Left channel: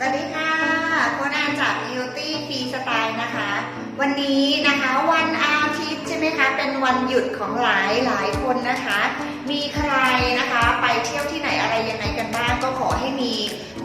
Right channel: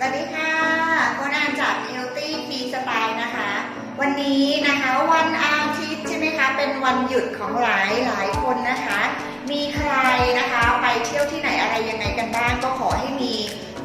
สวัสดีค่ะโคนันจาก Beauty Free Style นะคะ วันนี้นะคะวันอาทิตย์ใช่ไหมคะ เป็นวันหยุดของหลายหลายคนนะคะ มีใครนะคะไปเที่ยวที่ไหนอะไรยังไงกันบ้าง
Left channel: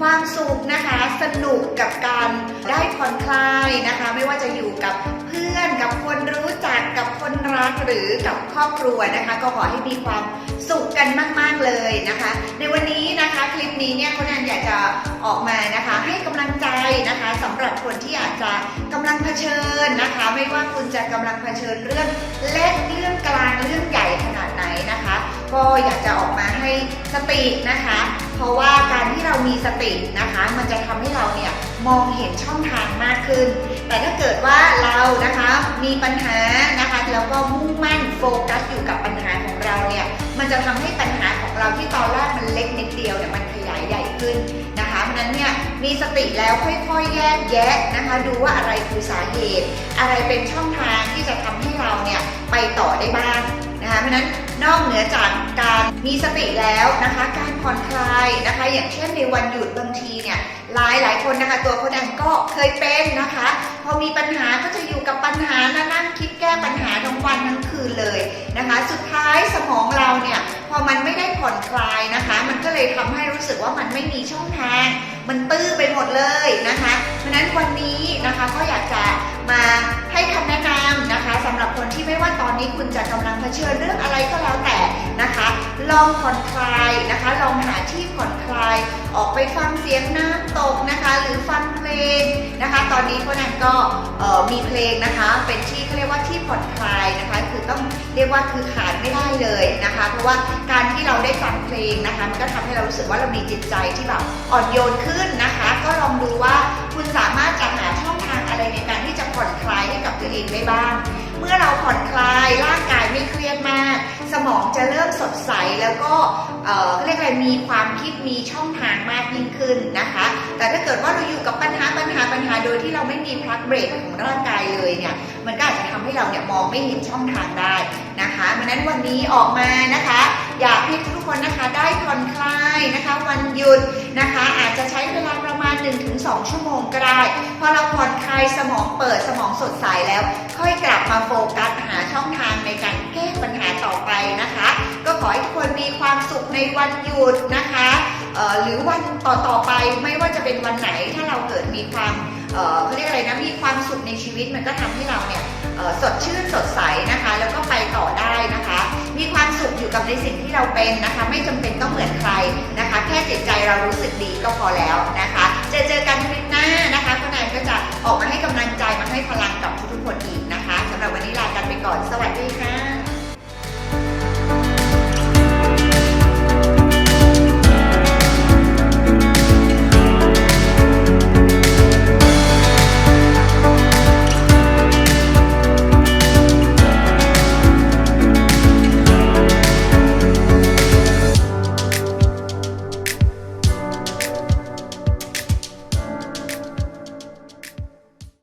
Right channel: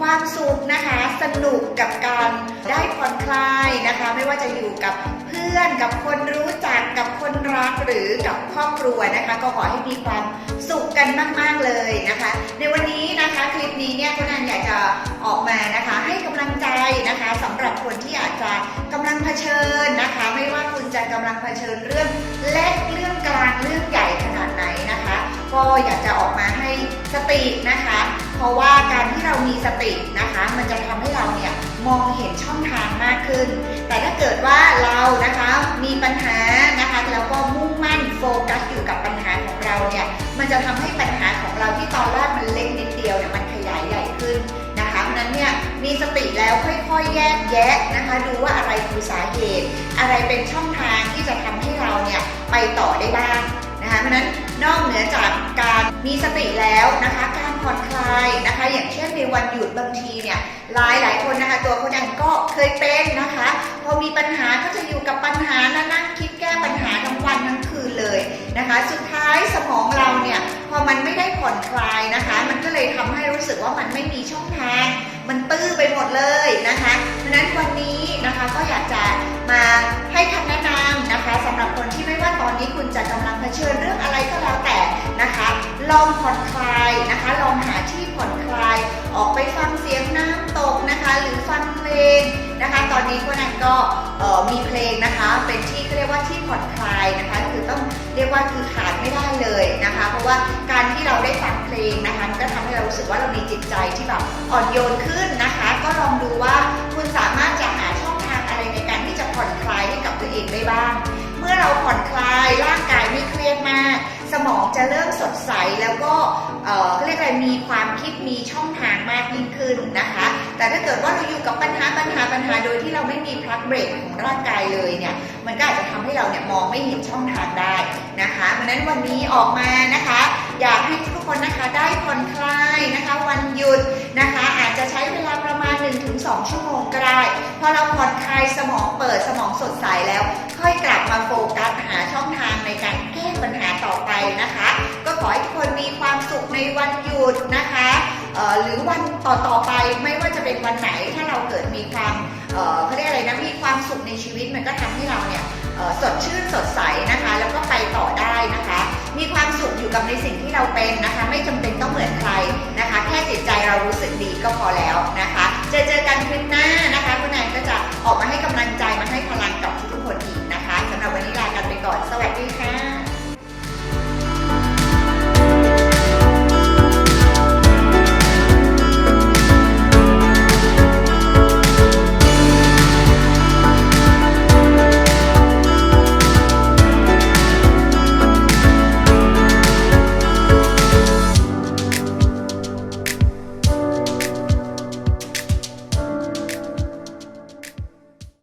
ความสุขนะคะ สนุกกับการได้ผ่อนคลายนะคะ ไม่ว่าจะอยู่กับเพื่อนกับคนรู้จักกับคนรักหรือกับครอบครัวนะคะ ก็ขอให้มีความสุขกันมาก ๆเลยนะคะ ในวันนี้นะคะคลิปนี้เนี่ยโคนันอยากจะออกมานะคะ ให้กำลังใจนะคะสำหรับคนที่อาจจะกำลังเผชิญนะคะ ไม่ว่าคุณจะกำลังเผชิญเรื่องเล็กเรื่องกลางเรื่องใหญ่ขนาดไหนนะคะ ก็อยากจะออกมาให้สตินะคะ เพราะว่าการที่เรามีสตินะคะ มันจะทำให้เราเนี่ยมองเห็นช่องทางมากขึ้น แต่ถ้าเกิดว่าเรานะคะมีปัญหานะคะแล้วก็มุ่งมั่นโฟกัสอยู่กับปัญหาของเราเนี่ยมันจะทำให้ปัญหาของเราที่ตอนแรกมันเล็กนิดเดียวเนี่ยมันขยายใหญ่ขึ้นนะคะเพราะนั้นเนี่ยมีสติแล้วค่อยๆแยกแยะนะคะ ดูว่าอะไรคือสาเหตุ อะไรเป็นช่องทางที่จะทำให้เราเนี่ยไปต่อได้บ้าง นะคะเพราะนั้นนอกเหนือจากการมีสติแล้วนะคะ การผ่อนคลายนะคะ อย่างเช่นในวันหยุดบางทีเนี่ยหลายหลายคนนะคะ ตัวคนเองก็เคยเป็นนะคะ พอมีปัญหาก็จะอยู่กับปัญหา นะคะ สุดท้ายสมองเราเนี่ยพอมันไม่ได้ผ่อนคลายนะคะ มันก็เลยทำให้รู้สึกว่ามันไม่มีช่องทาง มันตื้อไปหมดเลยนะคะ เพราะนั้นวันนี้นะคะก็อยากจะมาให้คำแนะนำนะคะสำหรับคนที่ไม่ว่าตอนนี้คุณจะกำลังเผชิญเรื่องอะไรก็แล้วแต่นะคะ ลองผ่อนคลายนะคะ ลองหาที่ผ่อนคลาย ออกไปฟังเสียงน้ำตกนะคะ หรือฟังเพลง ตอนนี้พวกนั้นก็มีเพลงนะคะ เป็นที่เขาเรียกว่าที่ผ่อนคลายนะคะ คือต้องเรียกว่าคือขาดไม่ได้เลยนะคะ เพราะว่าการที่เราได้ฟังเพลงนะคะ มันก็ทำให้เรารู้สึกว่าเรามีจิตใจที่แบบอ่อนโยนขึ้นนะคะ ก็ลองดูว่าคุณสามารถจะหาช่องทางอะไรในการที่จะผ่อนคลายให้กับตัวเองได้บ้าง เมื่อเราผ่อนคลาย มองจะเริ่มสดใสแล้วก็เขาเรียกอะไรมีความคิดมีช่องทางมากยิ่งขึ้นนะคะ แต่ถ้าเกิดว่าเราอยู่กับปัญหาปัญหาปัญหาโดยที่เราไม่มีพักเบรกของร่างกายเลยเนี่ยมันก็อาจจะทำให้เราเนี่ยมองไม่เห็นช่องทางได้นะคะเพราะนั้นวันนี้ออกมานะคะ อยากให้ทุก คนนะคะได้ผ่อนคลายนะคะวันหยุดนะคะ อาจจะใช้เวลาประมาณ 1-2 ชั่วโมงก็ได้พอเราผ่อนคลายสมองเปิดสมองสดใสแล้ว ค่อยกลับมาโฟกัสหาช่องทางในการแก้ปัญหาต่อไปนะคะ ก็ขอให้ทุกคนมีความสุขในวันหยุดนะคะหรือวันต่อต่อๆไปไม่ว่าจะเป็นวันไหนถ้าเราเกิดมีความเขาเรียกอะไรนะมีความสุขในชีวิตมันก็ทำให้เราเนี่ยสดชื่นสดใสนะคะ แล้วก็ไปต่อได้นะคะ กับในสิ่งที่เราเป็นนะคะ ไม่จำเป็นต้องเหมือนใครนะคะ แค่จิตใจเรารู้สึกดีก็พอแล้วนะคะเจอเจอกันคลิปหน้านะคะคุณแอนก็จะออกมาให้กำลังใจมาให้พลังกับทุกๆคนอีกนะคะสำหรับวันนี้ลากันไปก่อน สวัสดีค่ะ